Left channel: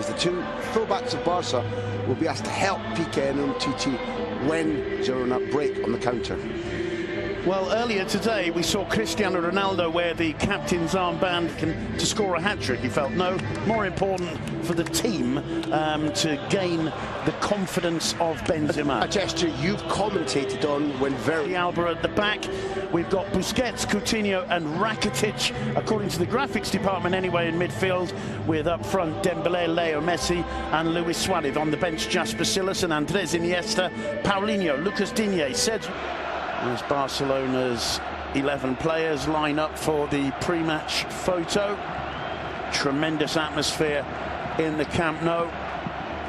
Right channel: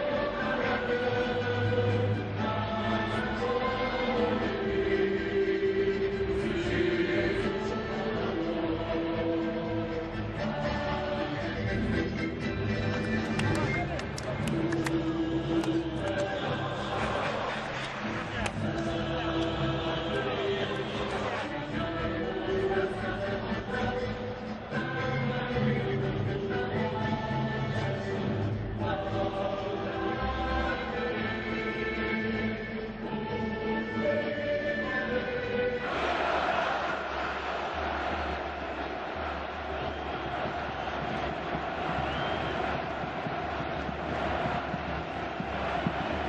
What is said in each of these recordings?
is the two fullbacks of Barca will be asked to help Piqué and Umtiti when Girona break on the counter. Well, earlier today we saw Cristiano Ronaldo wear the captain's armband to score a hat-trick. He felt no more important for the team to gain the confidence of Benzema. A gesture you've commentated on when very... Alba at the back. We've got Busquets, Coutinho and Rakitic, according to the graphics department anyway, in midfield, with up front Dembélé, Leo Messi and Luis Suarez. On the bench, Jasper Sillas and Andres Iniesta, Paulinho, Lucas Digne, Cedric. As Barcelona's 11 players line up for the pre-match photo. Tremendous atmosphere in the Camp Nou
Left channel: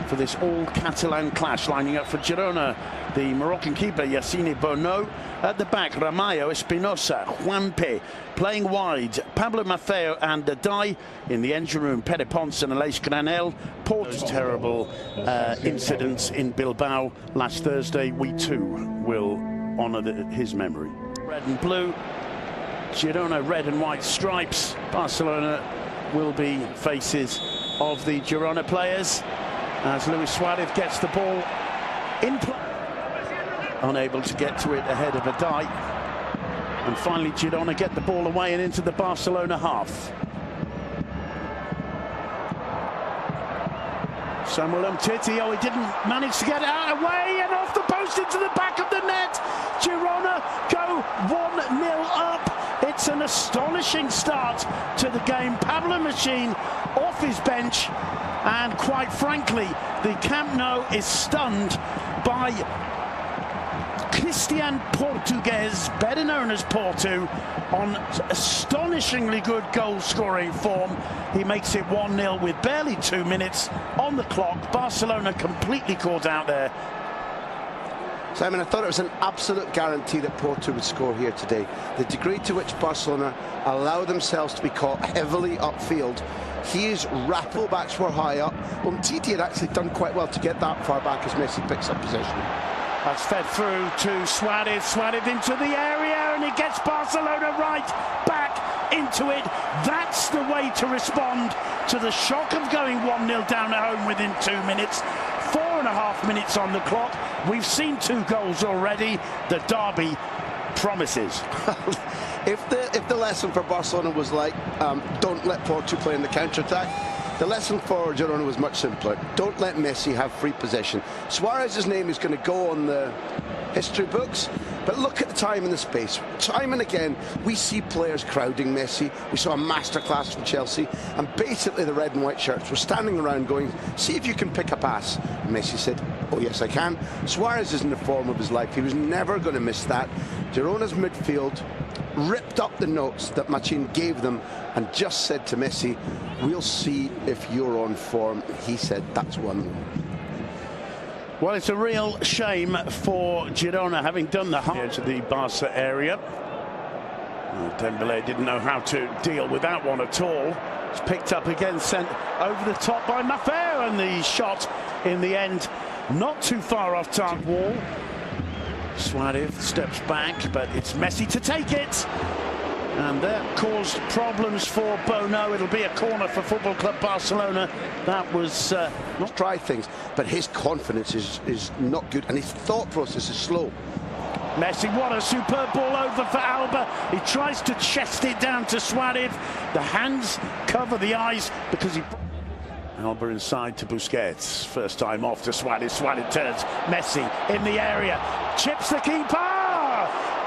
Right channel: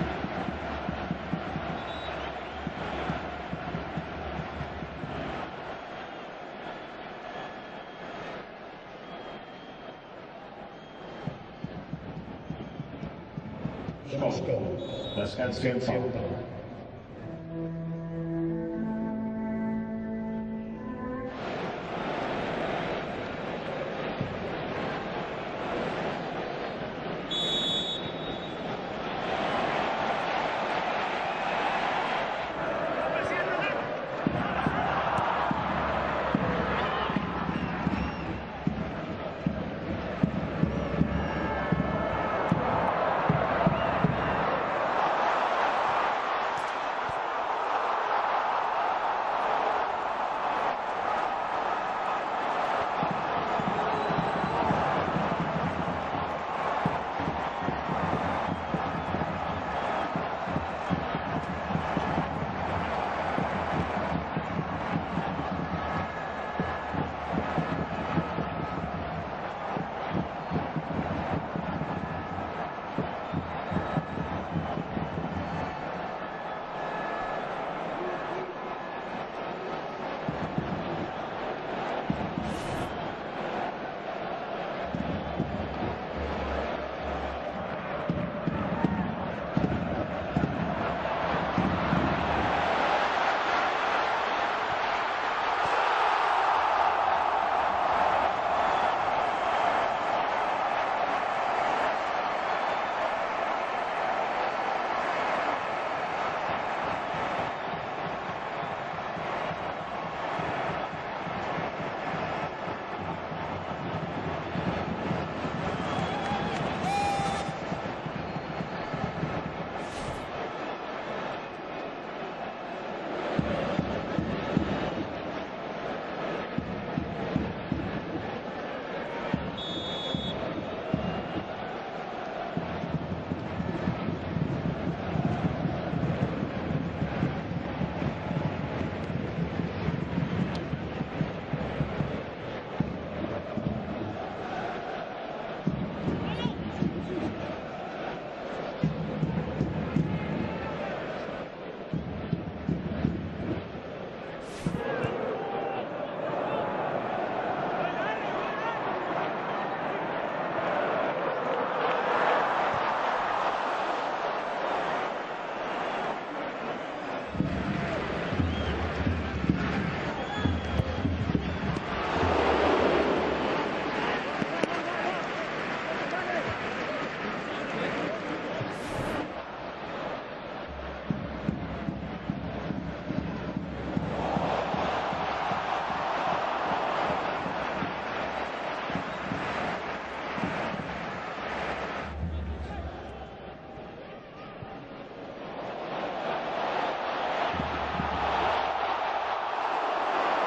for this all-Catalan clash. Lining up for Girona, the Moroccan keeper Yassine Bono. At the back, Ramallo, Espinosa, Juanpe. Playing wide, Pablo Maffeo and Dai. In the engine room, Pere Pons and Aleix Granel. Those terrible incidents in Bilbao last Thursday. We too will honour his memory. Red and blue, Girona red and white stripes. Barcelona will be faces of the Girona players as Luis Suarez gets the ball in play. Unable to get to it ahead of Dai. And finally Girona get the ball away and into the Barcelona half. Samuel Umtiti, he didn't manage to get it out away and off the post into the back of the net. Girona go 1-0 up. It's an astonishing start to the game. Pablo Machine off his bench, and quite frankly, the Camp Nou is stunned by Christian Portugues, better known as Porto, on astonishingly good goal-scoring form. He makes it 1-0 with barely 2 minutes on the clock. Barcelona completely caught out there. Simon, I thought it was an absolute guarantee that Porto would score here today. The degree to which Barcelona allow themselves to be caught heavily upfield. He is rapid. Fullbacks were high up. Umtiti had actually done quite well to get that far back as Messi picks up possession. That's fed through to Suarez. Suarez into the area, and he gets Barcelona right back into it. That's the way to respond to the shock of going 1-0 down at home within 2 minutes. 4.5 minutes on the clock. We've seen 2 goals already. The derby promises. If the lesson for Barcelona was like, don't let Porto play in the counter-attack, the lesson for Girona was much simpler. Don't let Messi have free possession. Suarez's name is going to go on the history books, but look at the time and the space. Time and again, we see players crowding Messi. We saw a masterclass from Chelsea, and basically the red and white shirts were standing around going, see if you can pick a pass. And Messi said, oh yes I can. Suarez is in the form of his life. He was never going to miss that. Girona's midfield ripped up the notes that Machin gave them and just said to Messi, we'll see if you're on form. He said, that's 1-0. Well, it's a real shame for Girona having done the here to the Barca area. Well, Dembélé didn't know how to deal with that one at all. It's picked up again, sent over the top by Maffeo, and the shot in the end not too far off target wall. Suarez steps back, but it's Messi to take it. And that caused problems for Bono. It'll be a corner for Football Club Barcelona. That was not try things, but his confidence is not good, and his thought process is slow. Messi, what a superb ball over for Alba. He tries to chest it down to Suarez. The hands cover the eyes because he... Alba inside to Busquets. First time off to Suarez. Suarez turns. Messi in the area. Chips the keeper.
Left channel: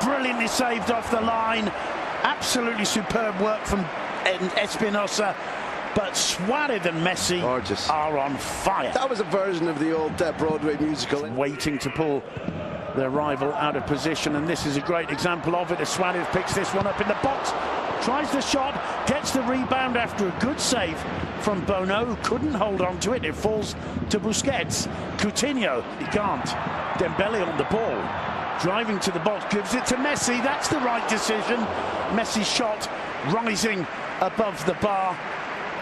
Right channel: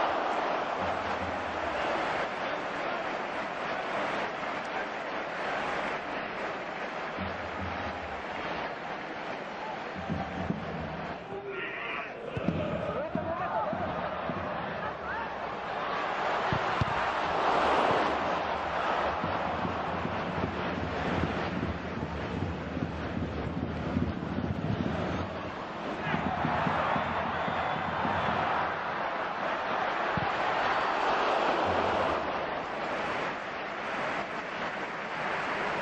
Brilliantly saved off the line. Absolutely superb work from Espinosa. But Suarez and Messi are on fire. That was a version of the old Broadway musical. Waiting to pull their rival out of position, and this is a great example of it as Suarez picks this one up in the box. Tries the shot, gets the rebound after a good save from Bono, who couldn't hold on to it. It falls to Busquets. Coutinho, he can't. Dembélé on the ball. Driving to the box, gives it to Messi. That's the right decision. Messi's shot rising above the bar.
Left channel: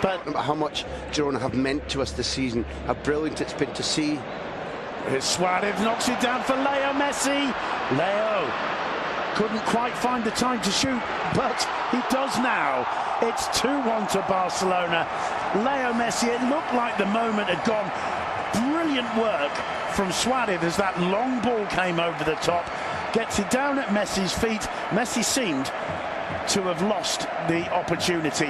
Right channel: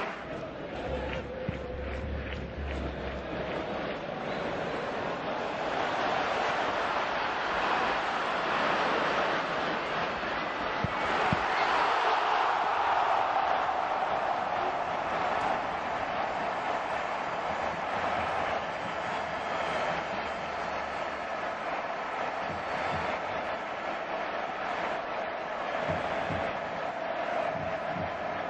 But how much Girona have meant to us this season, how brilliant it's been to see. Here's Suarez, knocks it down for Leo Messi. Leo couldn't quite find the time to shoot, but he does now. It's 2-1 to Barcelona. Leo Messi, it looked like the moment had gone. Brilliant work from Suarez as that long ball came over the top, gets it down at Messi's feet. Messi seemed to have lost the opportunity,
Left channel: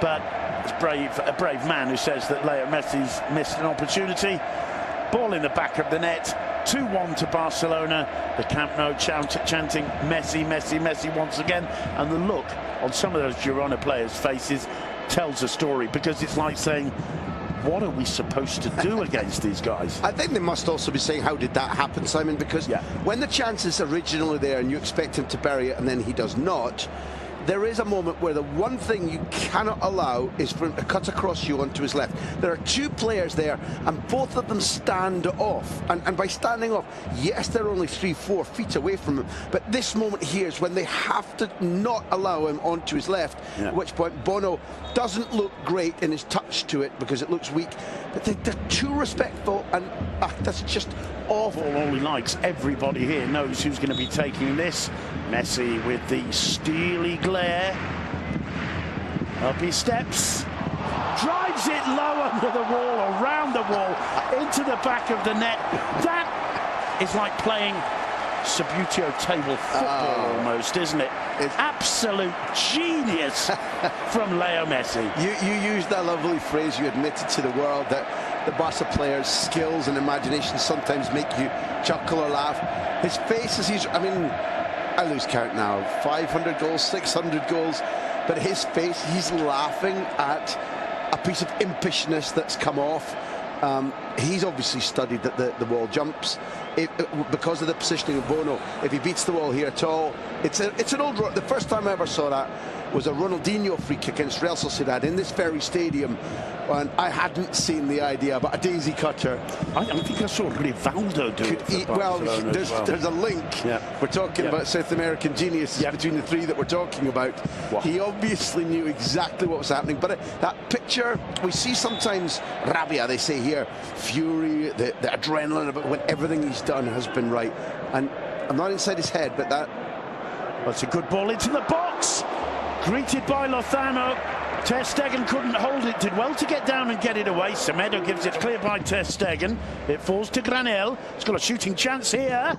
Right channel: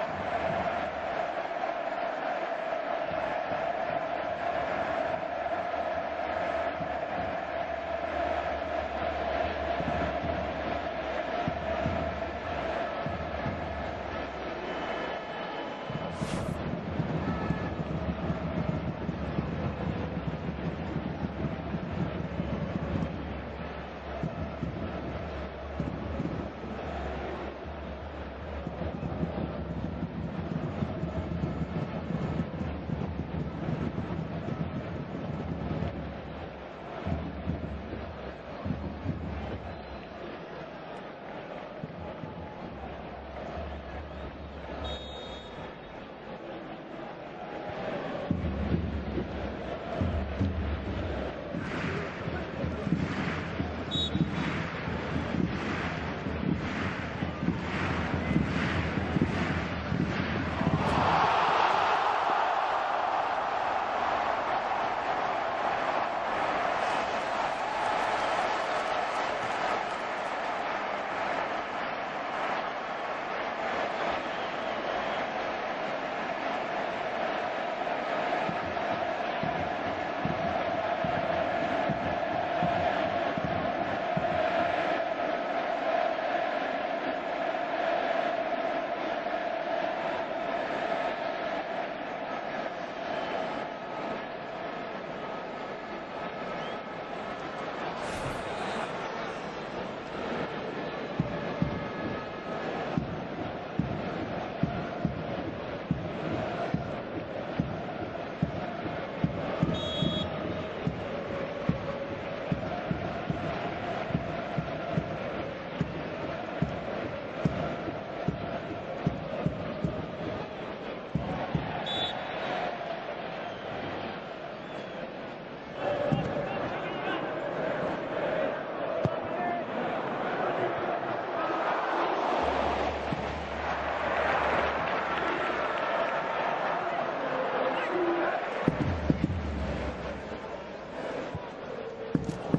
but it's a brave man who says that Leo Messi's missed an opportunity. Ball in the back of the net, 2-1 to Barcelona. The Camp Nou chanting Messi, Messi, Messi once again, and the look on some of those Girona players' faces tells a story, because it's like saying, what are we supposed to do against these guys? I think they must also be saying, how did that happen, Simon? Because when the chance is originally there and you expect him to bury it and then he does not, there is a moment where the one thing you cannot allow is for him to cut across you onto his left. There are two players there and both of them stand off. And by standing off, yes, they're only 3-4 feet away from him, but this moment here is when they have to not allow him onto his left, at which point Bono doesn't look great in his touch to it because it looks weak, but they're too respectful, and that's just awful. All he likes, everybody here knows who's going to be taking this. Messi with the steely glare. Up he steps, drives it low under the wall, around the wall, into the back of the net. That is like playing Subbuteo table football almost, isn't it? It's absolute genius from Leo Messi. You used that lovely phrase, you admitted to the world that the Barca players' skills and imagination sometimes make you chuckle or laugh. His face as he's, I mean, I lose count now, 500 goals, 600 goals, but his face, he's laughing at a piece of impishness that's come off. He's obviously studied that the wall jumps. Because of the positioning of Bono, if he beats the wall here at all, it's an old... The first time I ever saw that was a Ronaldinho free kick against Real Sociedad in this very stadium, and I hadn't seen the idea about a daisy cutter. I think I saw Rivaldo do it. Well, there's a link. We're talking about South American geniuses between the three that we're talking about. He obviously knew exactly what was happening, but that picture, we see sometimes rabia, they say here, fury, the adrenaline about when everything he's done has been right. And I'm not inside his head, but that's a good ball into the box. Greeted by Lozano. Ter Stegen couldn't hold it, did well to get down and get it away. Semedo gives it clear by Ter Stegen. It falls to Granel. He's got a shooting chance here.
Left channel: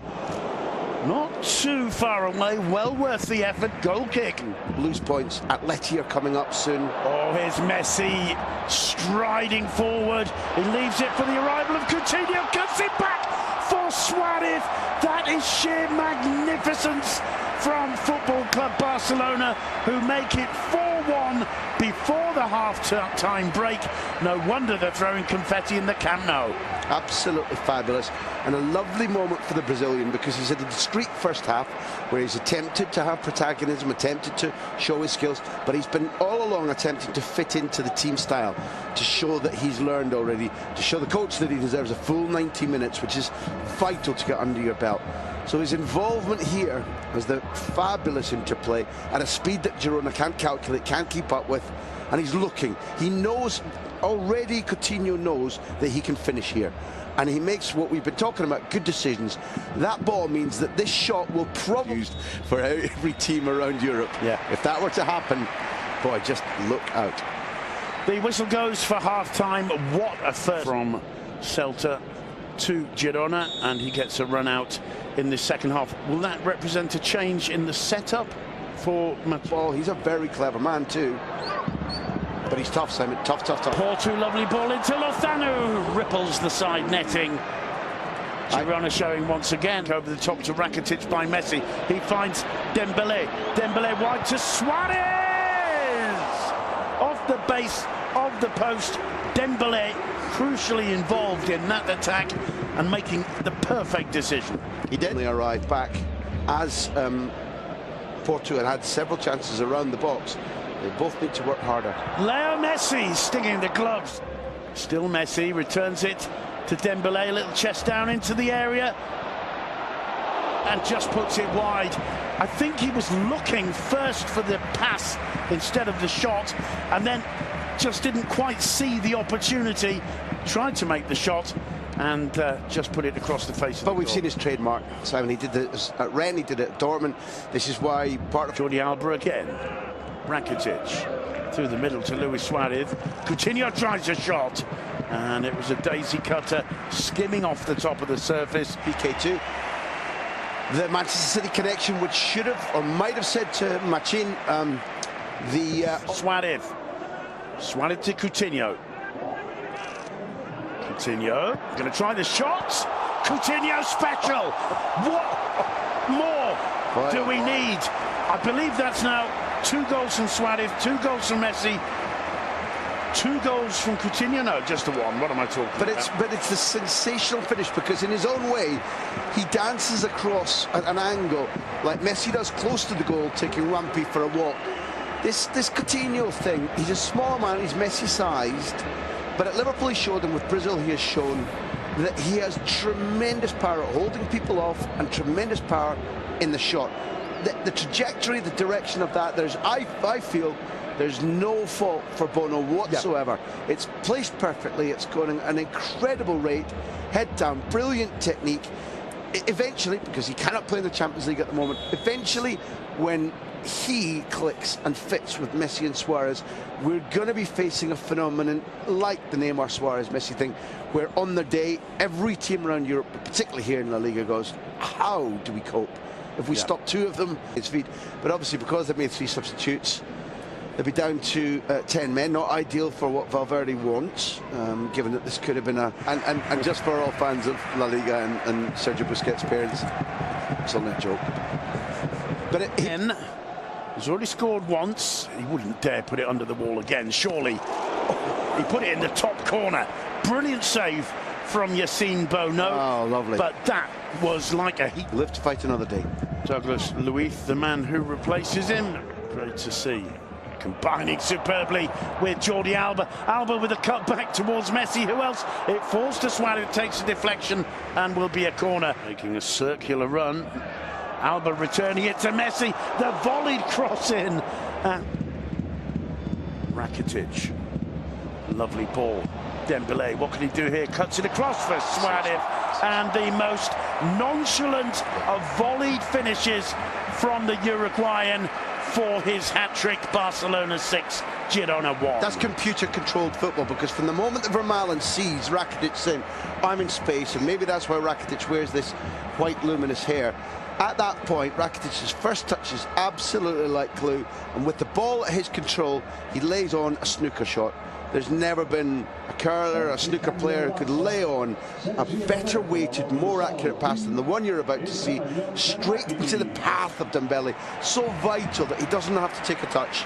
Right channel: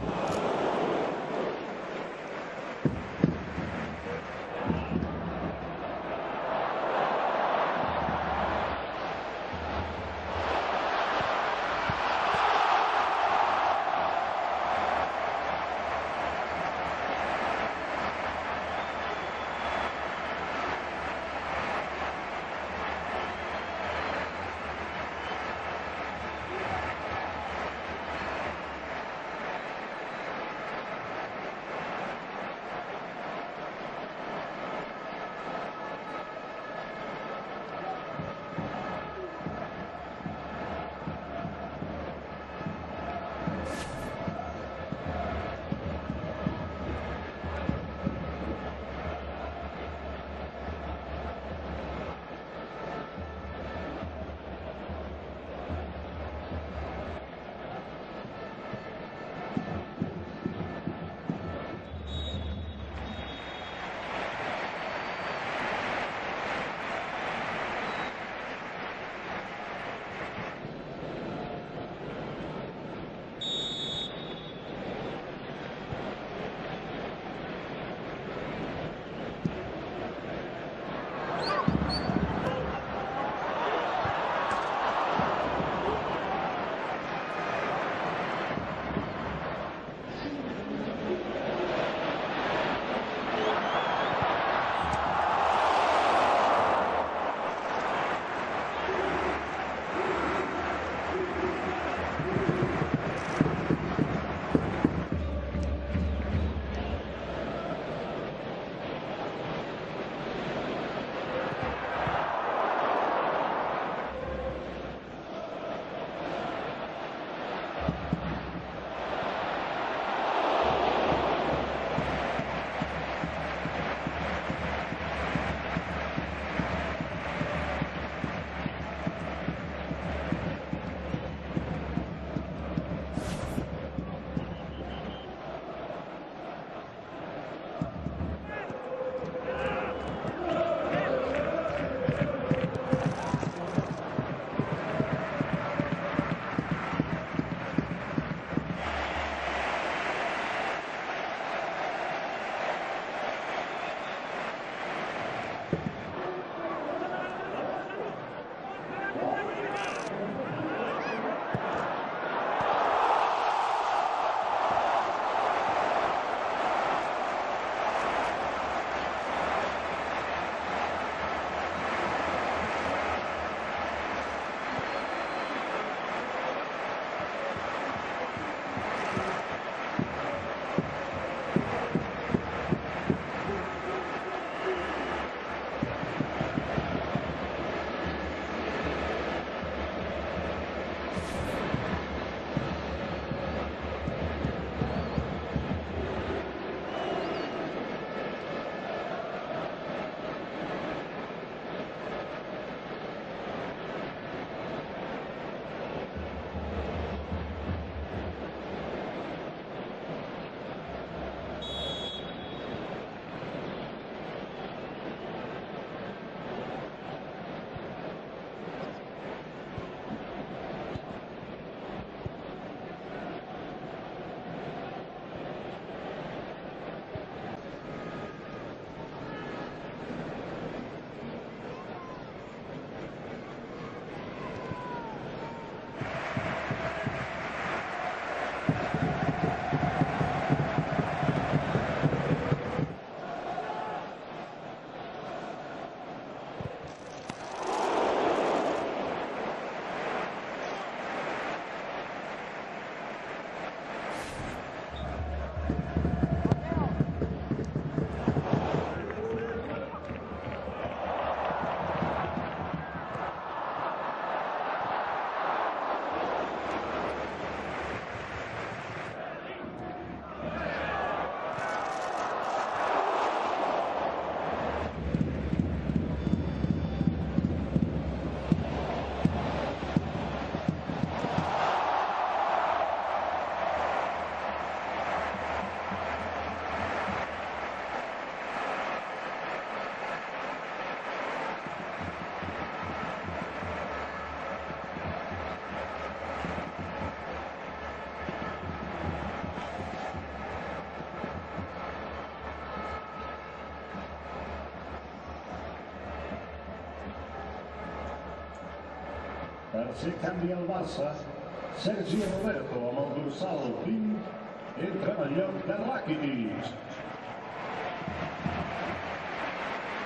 Not too far away, well worth the effort. Goal kick. Loose points. Atleti are coming up soon. Oh, here's Messi striding forward. He leaves it for the arrival of Coutinho. Cuts it back for Suarez. That is sheer magnificence from Football Club Barcelona, who make it 4-1 before the half-time break. No wonder they're throwing confetti in the Camp Nou. Absolutely fabulous, and a lovely moment for the Brazilian, because he's had a discreet first half where he's attempted to have protagonism, attempted to show his skills, but he's been all along attempting to fit into the team style, to show that he's learned already, to show the coach that he deserves a full 90 minutes, which is vital to get under your belt. So his involvement here is the fabulous interplay at a speed that Girona can't calculate, can't keep up with, and he's looking. He knows already, Coutinho knows that he can finish here, and he makes what we've been talking about, good decisions. That ball means that this shot will probably be used for every team around Europe. If that were to happen, boy, just look out. The whistle goes for half-time. What a first from Celta to Girona, and he gets a run out in the second half. Will that represent a change in the setup for Well, he's a very clever man too, but he's tough, Simon. Tough. Porto, lovely ball into Lozano, ripples the side netting. Girona showing once again over the top to Rakitic by Messi. He finds Dembele wide to Suarez, off the base of the post. Dembele crucially involved in that attack and making the perfect decision. He did arrive back as Porto had several chances around the box. They both need to work harder. Leo Messi stinging the gloves. Still Messi, returns it to Dembele, a little chest down into the area, and just puts it wide. I think he was looking first for the pass instead of the shot, and then just didn't quite see the opportunity. Tried to make the shot and just put it across the face of the But we've seen his trademark, Simon. He did this at Rennes, he did it at Dortmund. This is why part of Jordi Alba again. Rakitic through the middle to Luis Suarez. Coutinho tries a shot, and it was a daisy cutter skimming off the top of the surface. PK2. The Manchester City connection, which should have or might have said to Machin, Suarez. Suarez to Coutinho. Coutinho going to try the shot. Coutinho special. What more do we need? I believe that's now 2 goals from Suarez, 2 goals from Messi, 2 goals from Coutinho. No, just the 1. What am I talking about? But it's a sensational finish, because in his own way he dances across at an angle like Messi does close to the goal, taking Rampy for a walk. This Coutinho thing, he's a small man, he's Messi-sized, but at Liverpool he showed, and with Brazil he has shown that he has tremendous power at holding people off and tremendous power in the shot. The trajectory, the direction of that, I feel there's no fault for Bono whatsoever. Yeah. It's placed perfectly, it's going at an incredible rate, head down, brilliant technique. Eventually, because he cannot play in the Champions League at the moment, eventually when he clicks and fits with Messi and Suarez, we're going to be facing a phenomenon like the Neymar Suarez Messi thing, where on the day every team around Europe, particularly here in La Liga, goes, how do we cope if we stop 2 of them at his feet? But obviously, because they've made 3 substitutes, they'll be down to 10 men. Not ideal for what Valverde wants, given that this could have been and just for all fans of La Liga and Sergio Busquets' parents, it's on that joke. But he's already scored once. He wouldn't dare put it under the wall again, surely. He put it in the top corner. Brilliant save from Yassine Bono. Oh, lovely. But that was like a heat. Live to fight another day. Douglas Luiz, the man who replaces him. Great to see. Combining superbly with Jordi Alba. Alba with a cut back towards Messi. Who else? It falls to Suarez, takes a deflection, and will be a corner. Making a circular run. Alba returning it to Messi. The volleyed cross in. Rakitic. Lovely ball. Dembele, what can he do here? Cuts it across for Suarez. And the most nonchalant of volleyed finishes from the Uruguayan for his hat-trick. Barcelona 6, Girona 1. That's computer-controlled football, because from the moment that Vermaelen sees Rakitic saying, I'm in space, and maybe that's why Rakitic wears this white luminous hair, at that point, Rakitic's first touch is absolutely like glue, and with the ball at his control, he lays on a snooker shot. There's never been a curler, a snooker player who could lay on a better weighted, more accurate pass than the one you're about to see, straight into the path of Dembele. So vital that he doesn't have to take a touch,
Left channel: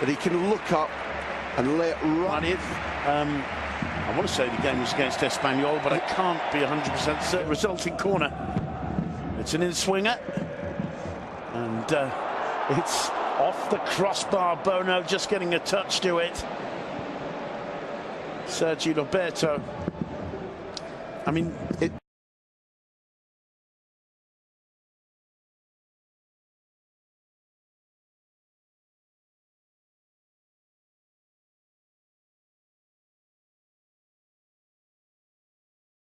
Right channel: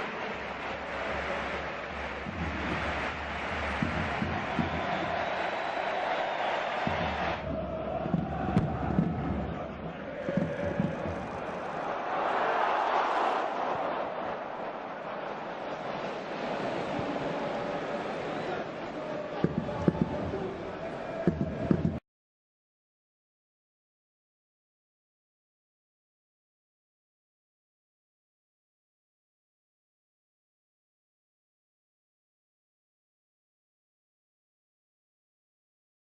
that he can look up and lay it right. I want to say the game was against Espanyol, but I can't be 100% certain. Resulting corner. It's an in-swinger, and it's off the crossbar. Bono just getting a touch to it. Sergio Roberto. I mean,